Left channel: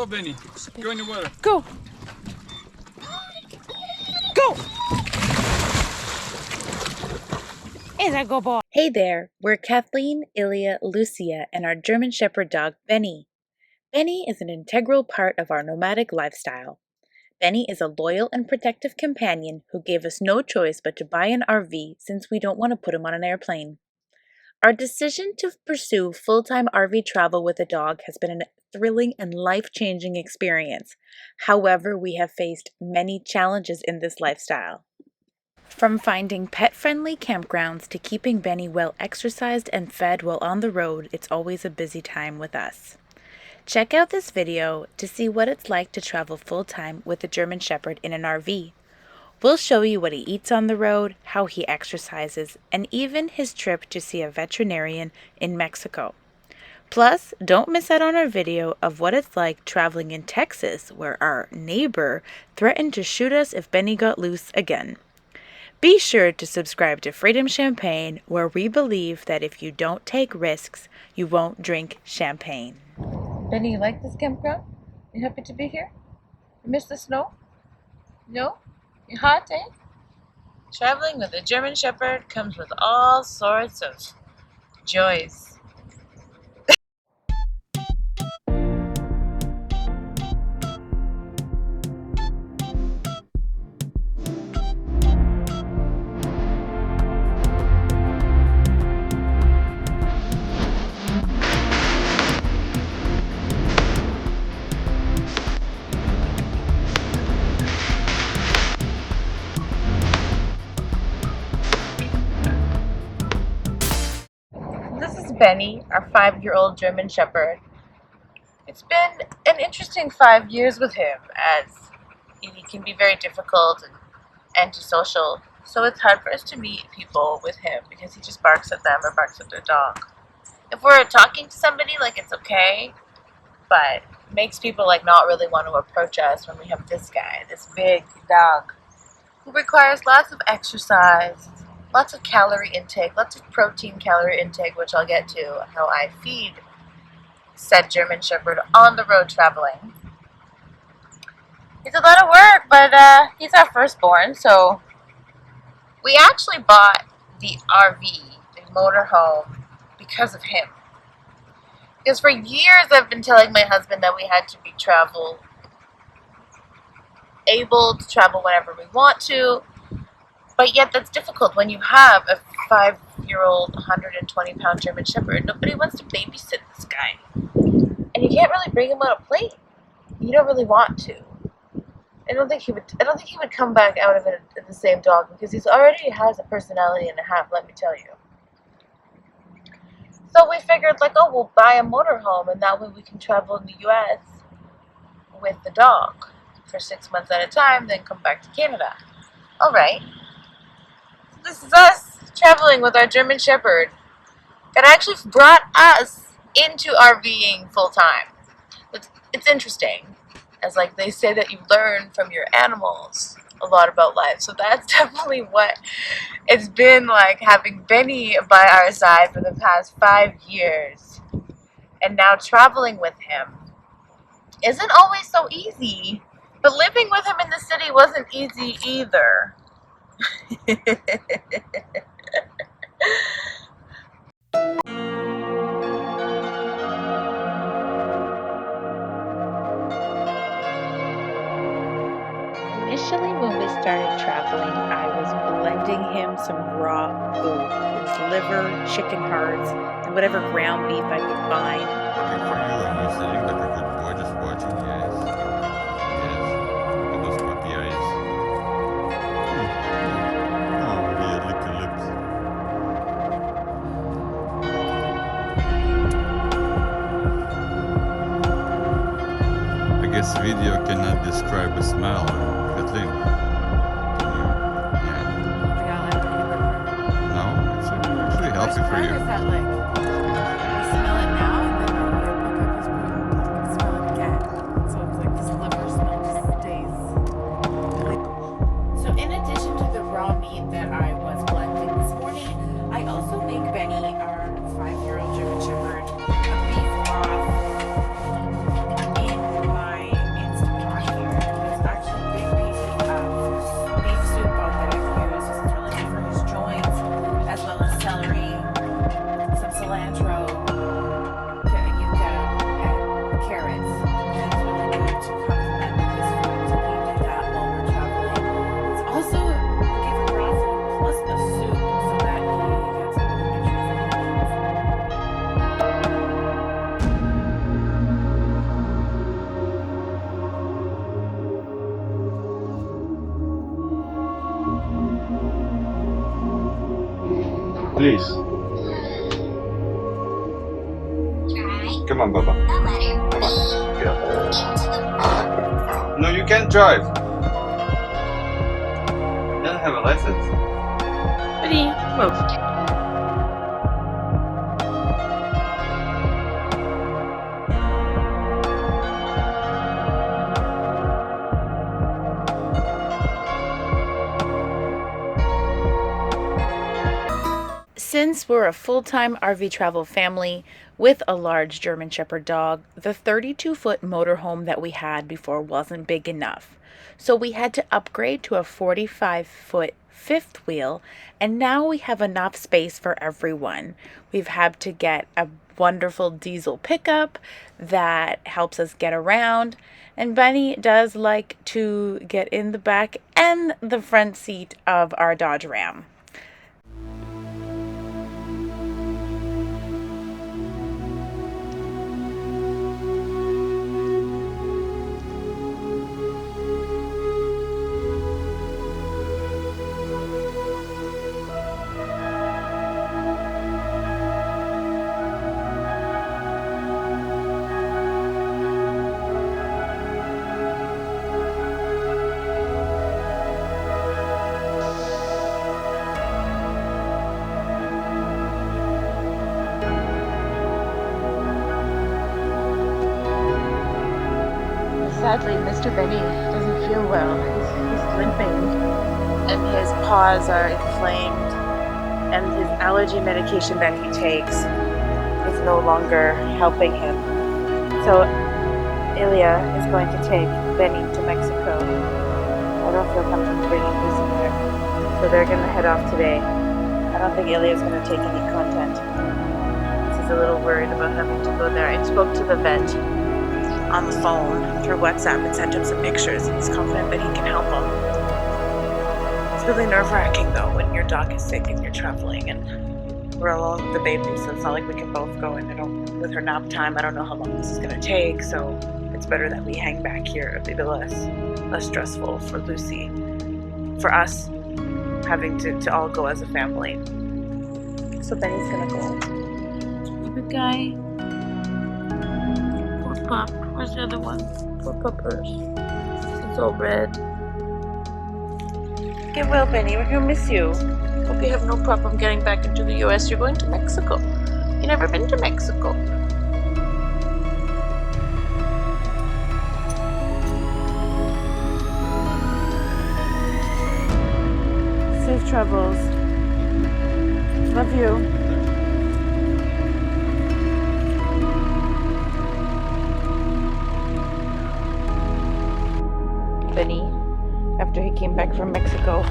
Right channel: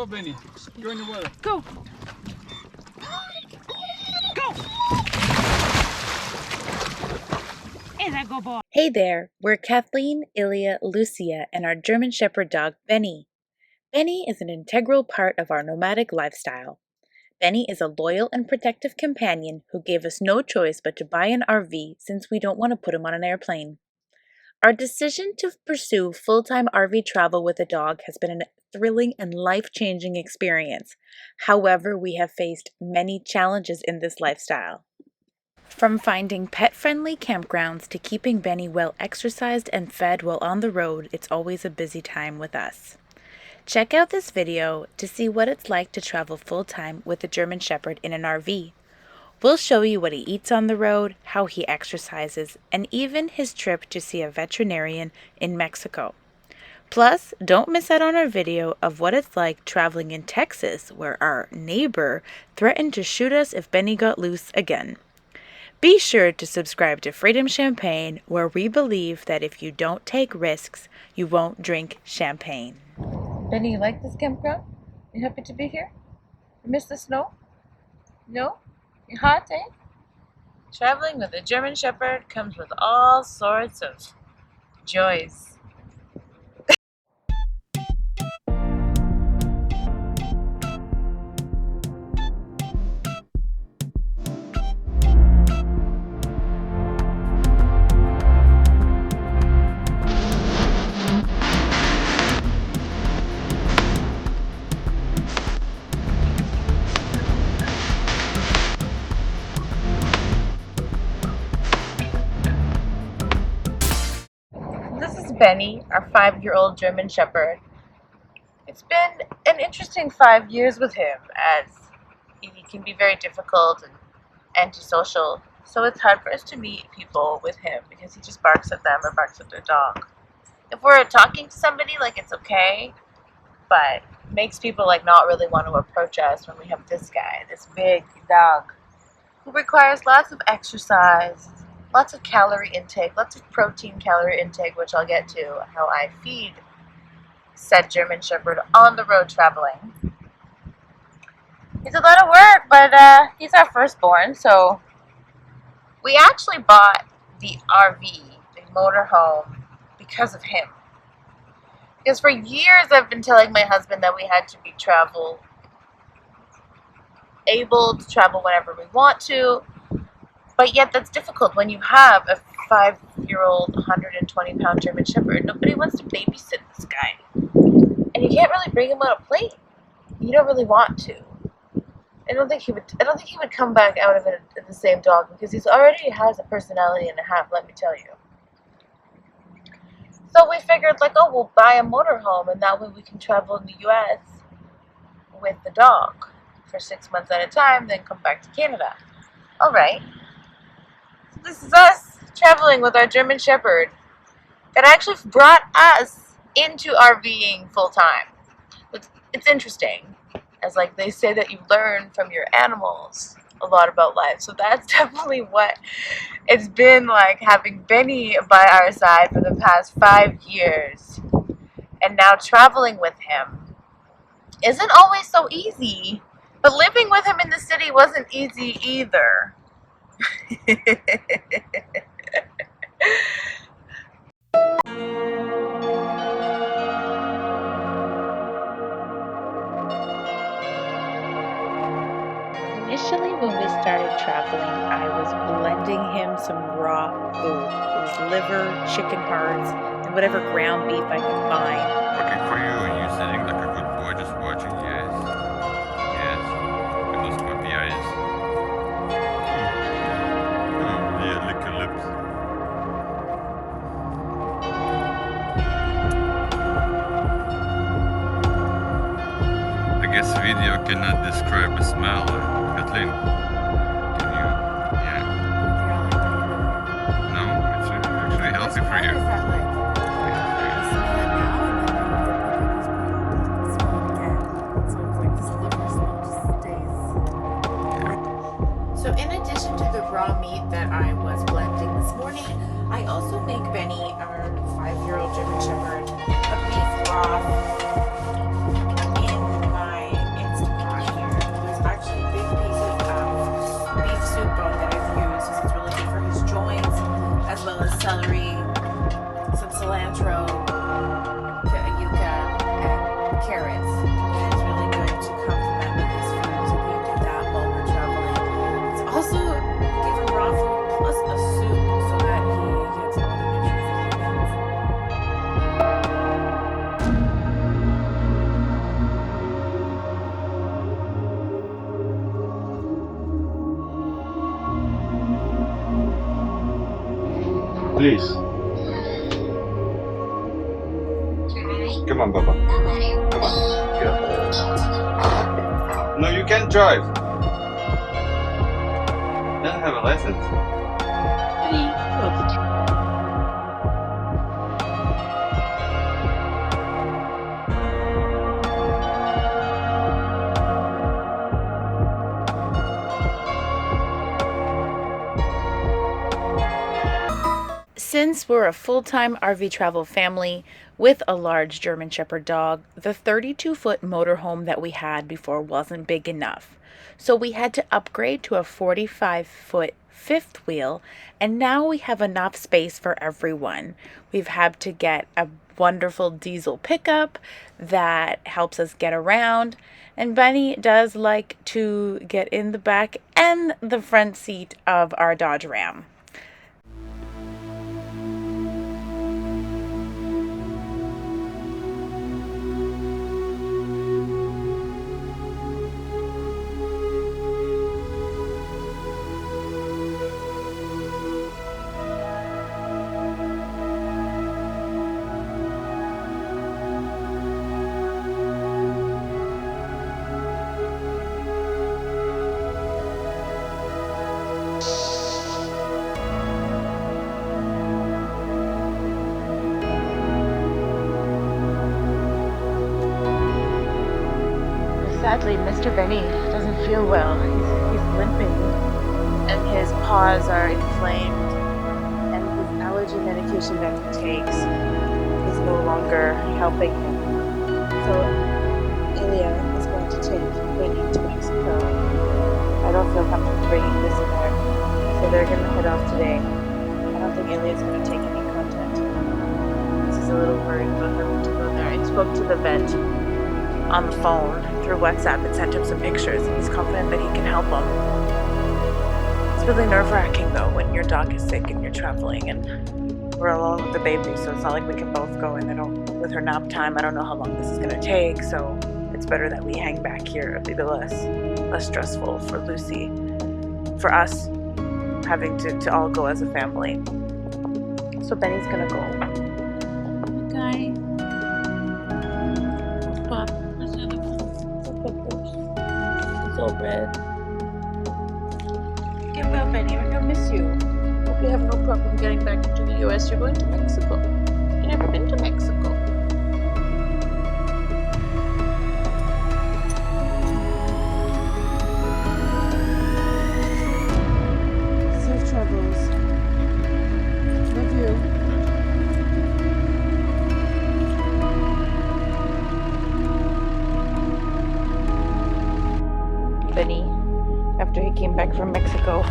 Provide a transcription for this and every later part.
Go, Benny. Go in the water. Go. Go. Is a good boy. Hey there, we're Kathleen, Ilya, Lucia, and our German Shepherd dog, Benny. Benny is an integral part of our nomadic lifestyle. Benny is a loyal and protective companion who gave us no choice but to buy an RV since we don't want to put him on an airplane. Our decision to pursue full-time RV travel with a dog has been a thrilling and life-changing experience. However, we have faced many challenges in this lifestyle. From finding pet-friendly campgrounds to keeping Benny well exercised and fed while on the road, it's always a busy time with us. Check out this video to see what it's like to travel full-time with a German Shepherd in an RV. We'll show you what he eats on the road, how he exercises, and even his trip to see a veterinarian in Mexico. Plus, don't miss out on our video of what it's like traveling in Texas, where our neighbor threatened to shoot us if Benny got loose again. Be sure to subscribe to Freedom Champagne, where we believe that if you don't take risks, you won't drink champagne. Benny, you like this campground? You happy to be here? You miss the snow? No? You hot, eh? Traveling with a German Shepherd comes with all sorts of joys. This is Benny, our 5-year-old German Shepherd. It's been an interesting 5 years with him, as he can be very difficult and antisocial. So it's hard for us to meet people with him because he just barks at them or barks at their dog. If we're talking to somebody, like, it's okay, but it makes people like not really want to approach us when we have this guy, this big dog, who requires lots of exercise, lots of calorie intake, lots of protein calorie intake, which I'll get to how I feed said German Shepherd on the road traveling. It's a lot of work, but he's our firstborn, so we actually bought the RV, the motorhome, because of him. Because for years I've been telling my husband that we had to be able to travel whenever we want to. But yet that's difficult when you have a 5-year-old, 120-pound German Shepherd. Nobody wants to babysit this guy. And you can't really bring him on a plane. You don't really want to. I don't think he would come back out of it the same dog, because he already has a personality and a half, let me tell you. So we figured, like, oh, we'll buy a motorhome, and that way we can travel in the U.S. with the dog for 6 months at a time, then come back to Canada. All right. This is us traveling with our German Shepherd that actually brought us into RVing full time. It's interesting, as like they say that you learn from your animals a lot about life. So that's definitely what it's been like, having Benny by our side for the past 5 years. And now traveling with him isn't always so easy, but living with him in the city wasn't easy either. Initially, when we started traveling, I was blending him some raw food. It was liver, chicken hearts, and whatever ground beef I could find. Working for you, and you sitting like a good boy just watching. Yes. Yes. And those puppy eyes. Oh, yeah, lick your lips. I guess video cannot describe a smell. Kathleen, can you? Yeah. No, it's actually healthy for you. Is that like? I smell it now, and then I smell it again. So it's like this liver smell just stays. So in addition to the raw meat that I was blending this morning, I also make Benny, our 5-year-old German Shepherd, a beef broth in my Please. Come on, Baba. Come on. Get up. No, you can't drive. You don't have a license. Benny, move. Since we're a full-time RV travel family with a large German Shepherd dog, the 32-foot motorhome that we had before wasn't big enough. So we had to upgrade to a 45-foot fifth wheel, and now we have enough space for everyone. We've had to get a wonderful diesel pickup that helps us get around, and Benny does like to get in the back and the front seat of our Dodge Ram. Sadly, Mr. Benny doesn't feel well. He's limping, and his paws are inflamed, and his allergy medication that he takes is no longer helping him. So Ilya is going to take Benny to Mexico. I don't feel comfortable bringing Lucy there, so they're going to head off today. I don't think Ilya is going to take any content. He's a little worried about having to go there. I spoke to the vet on the phone through WhatsApp and sent him some pictures, and he's confident that he can help him. It's really nerve-wracking though when your dog is sick and you're traveling, and we're alone with the baby, so it's not like we can both go, and with her nap time, I don't know how long this is going to take, so it's better that we hang back here. It'll be less stressful for Lucy, for us having to all go as a family. So Benny's gonna go. Good guy. Pup. Where's the other one? Poor puppers. It's all red. Get well, Benny. We're gonna miss you. Hope you have no problem getting back into the US. You're going to Mexico. You've never been to Mexico. Safe travels. Love you. Benny, after he came back from Mexico.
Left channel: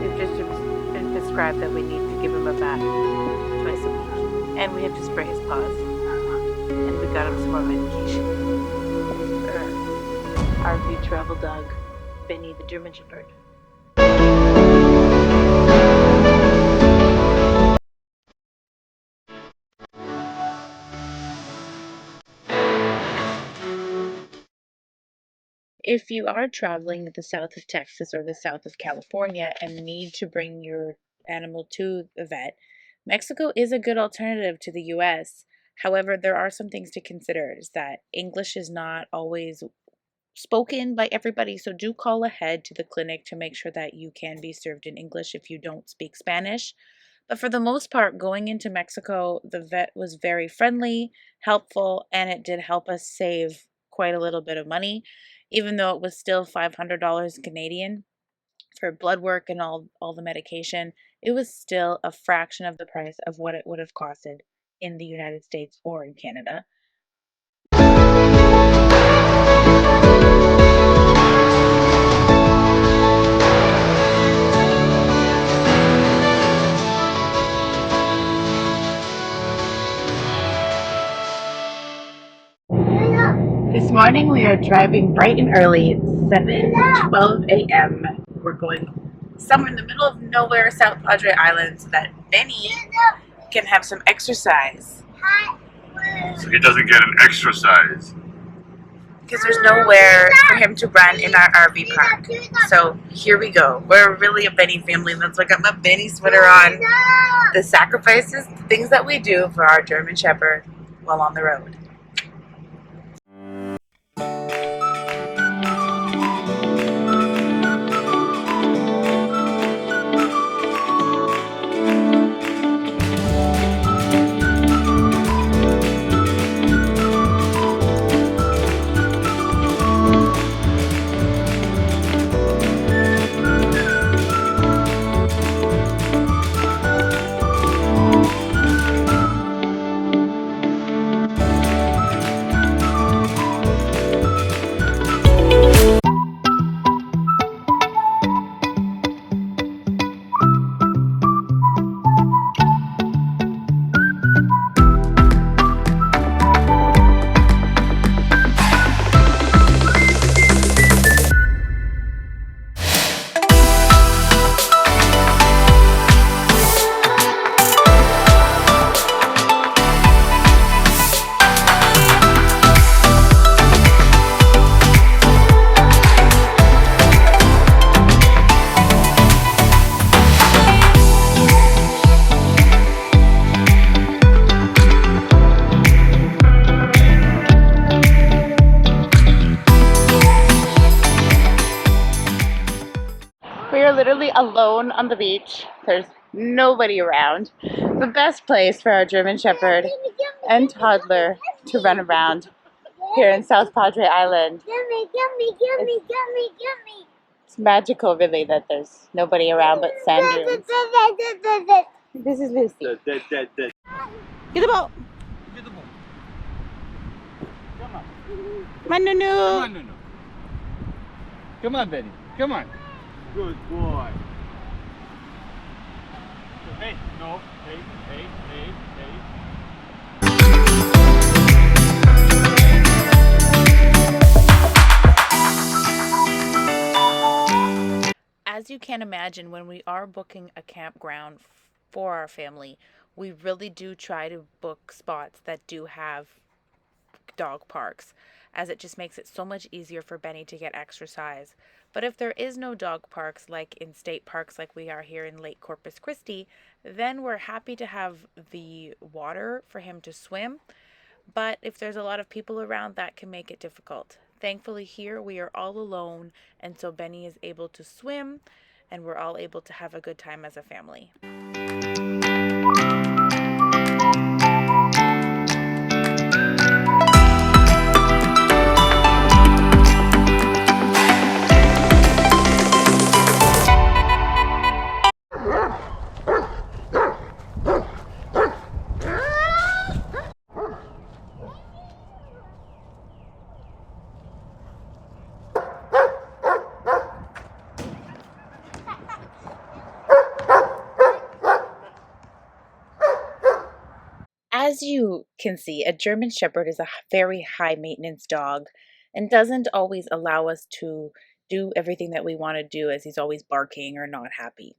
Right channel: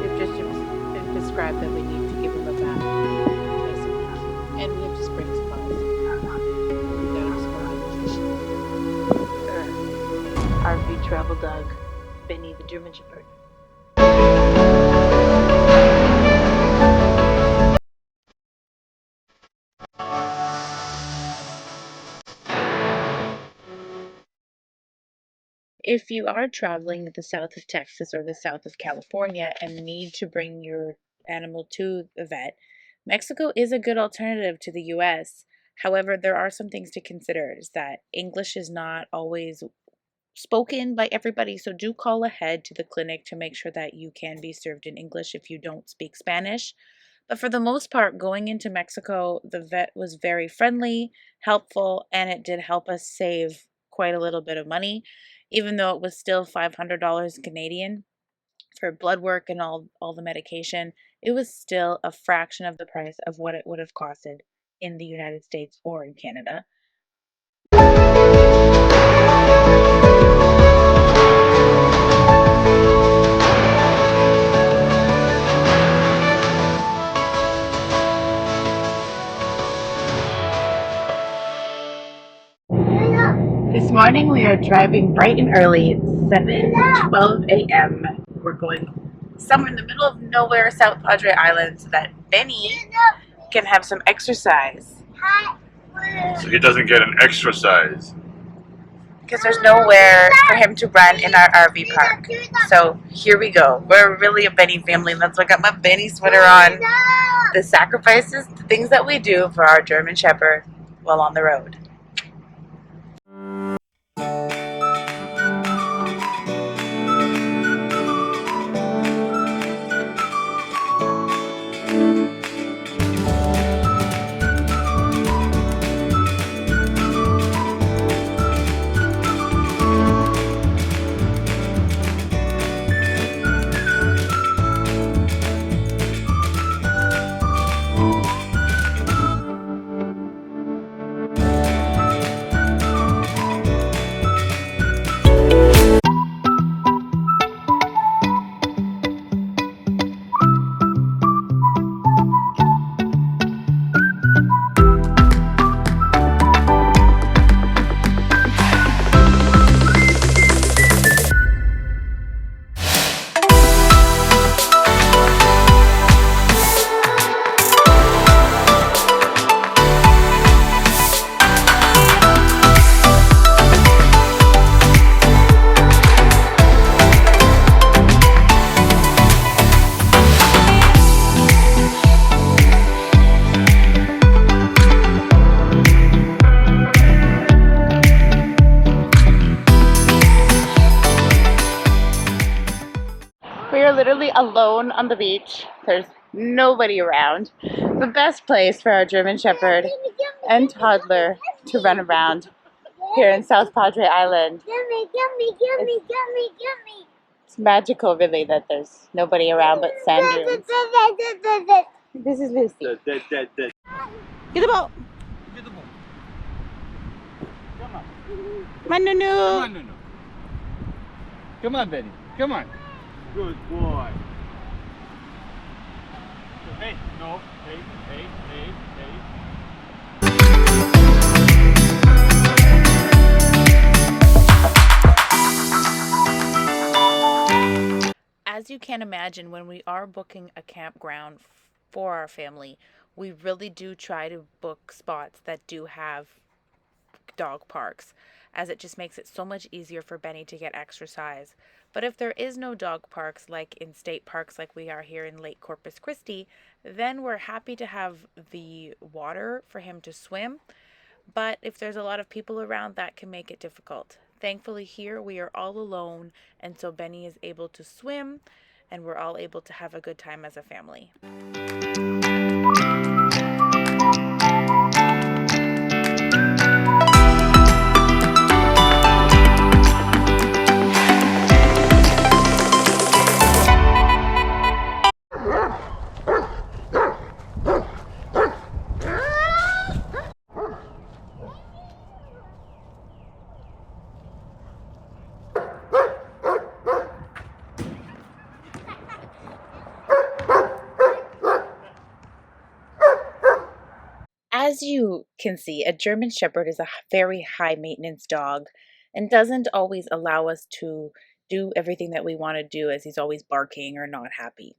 They've just been prescribed that we need to give him a bath twice a week, and we have to spray his paws, and we got him some more medication. RV travel dog, Benny the German Shepherd. If you are traveling the south of Texas or the south of California and need to bring your animal to the vet, Mexico is a good alternative to the US. However, there are some things to consider, is that English is not always spoken by everybody, so do call ahead to the clinic to make sure that you can be served in English if you don't speak Spanish. But for the most part, going into Mexico, the vet was very friendly, helpful, and it did help us save quite a little bit of money, even though it was still $500 Canadian for blood work and all the medication. It was still a fraction of the price of what it would have costed in the United States or in Canada. This morning we are driving bright and early. It's 7:12 a.m. We're going somewhere in the middle of nowhere, South Padre Island, so that Benny can have some exercise. So he doesn't get an exercise. because there's nowhere for him to run in our RV park. So here we go. We're really a Benny family. That's why I got my Benny sweater on. The sacrifices, the things that we do for our German Shepherd while on the road. We are literally alone on the beach. There's nobody around. The best place for our German Shepherd and toddler to run around here in South Padre Island. It's magical, really, that there's nobody around but sand dunes. This is Lucy. Get the ball. Get the ball. Come on. Come on, Nunu. Come on, Nunu. Come on, Benny. Come on. Good boy. Hey, no. Hey, hey, hey, hey. As you can imagine, when we are booking a campground for our family, we really do try to book spots that do have dog parks, as it just makes it so much easier for Benny to get exercise. But if there is no dog parks, like in state parks like we are here in Lake Corpus Christi, then we're happy to have the water for him to swim. But if there's a lot of people around, that can make it difficult. Thankfully here we are all alone, and so Benny is able to swim, and we're all able to have a good time as a family. As you can see, a German Shepherd is a very high maintenance dog and doesn't always allow us to do everything that we want to do, as he's always barking or not happy.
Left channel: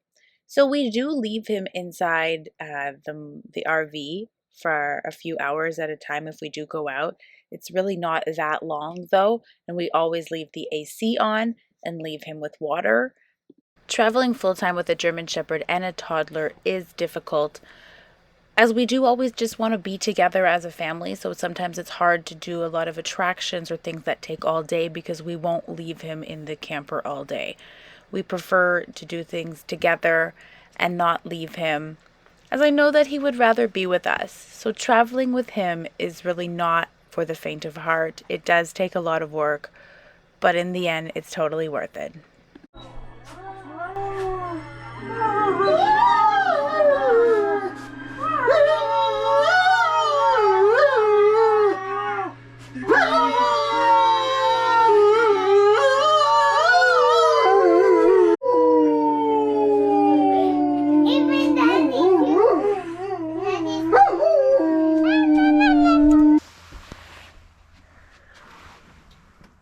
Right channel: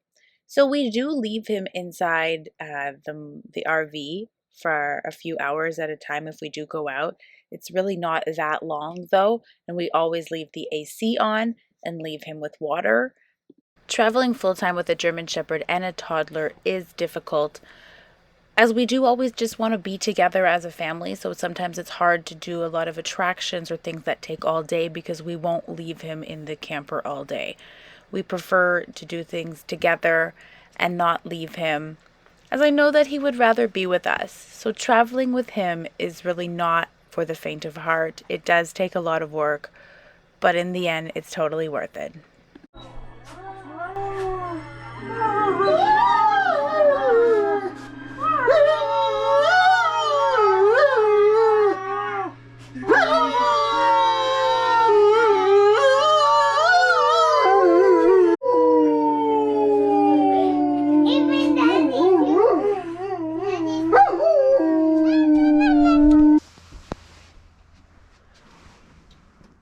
So we do leave him inside the RV for a few hours at a time if we do go out. It's really not that long though, and we always leave the AC on and leave him with water. Traveling full-time with a German Shepherd and a toddler is difficult, as we do always just want to be together as a family, so sometimes it's hard to do a lot of attractions or things that take all day because we won't leave him in the camper all day. We prefer to do things together and not leave him, as I know that he would rather be with us. So traveling with him is really not for the faint of heart. It does take a lot of work, but in the end, it's totally worth it.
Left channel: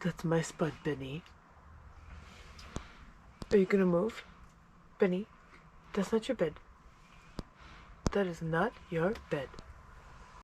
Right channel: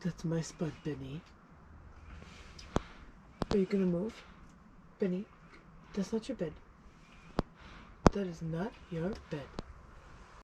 That's my spot, Benny. Are you gonna move? Benny, that's not your bed. That is not your bed.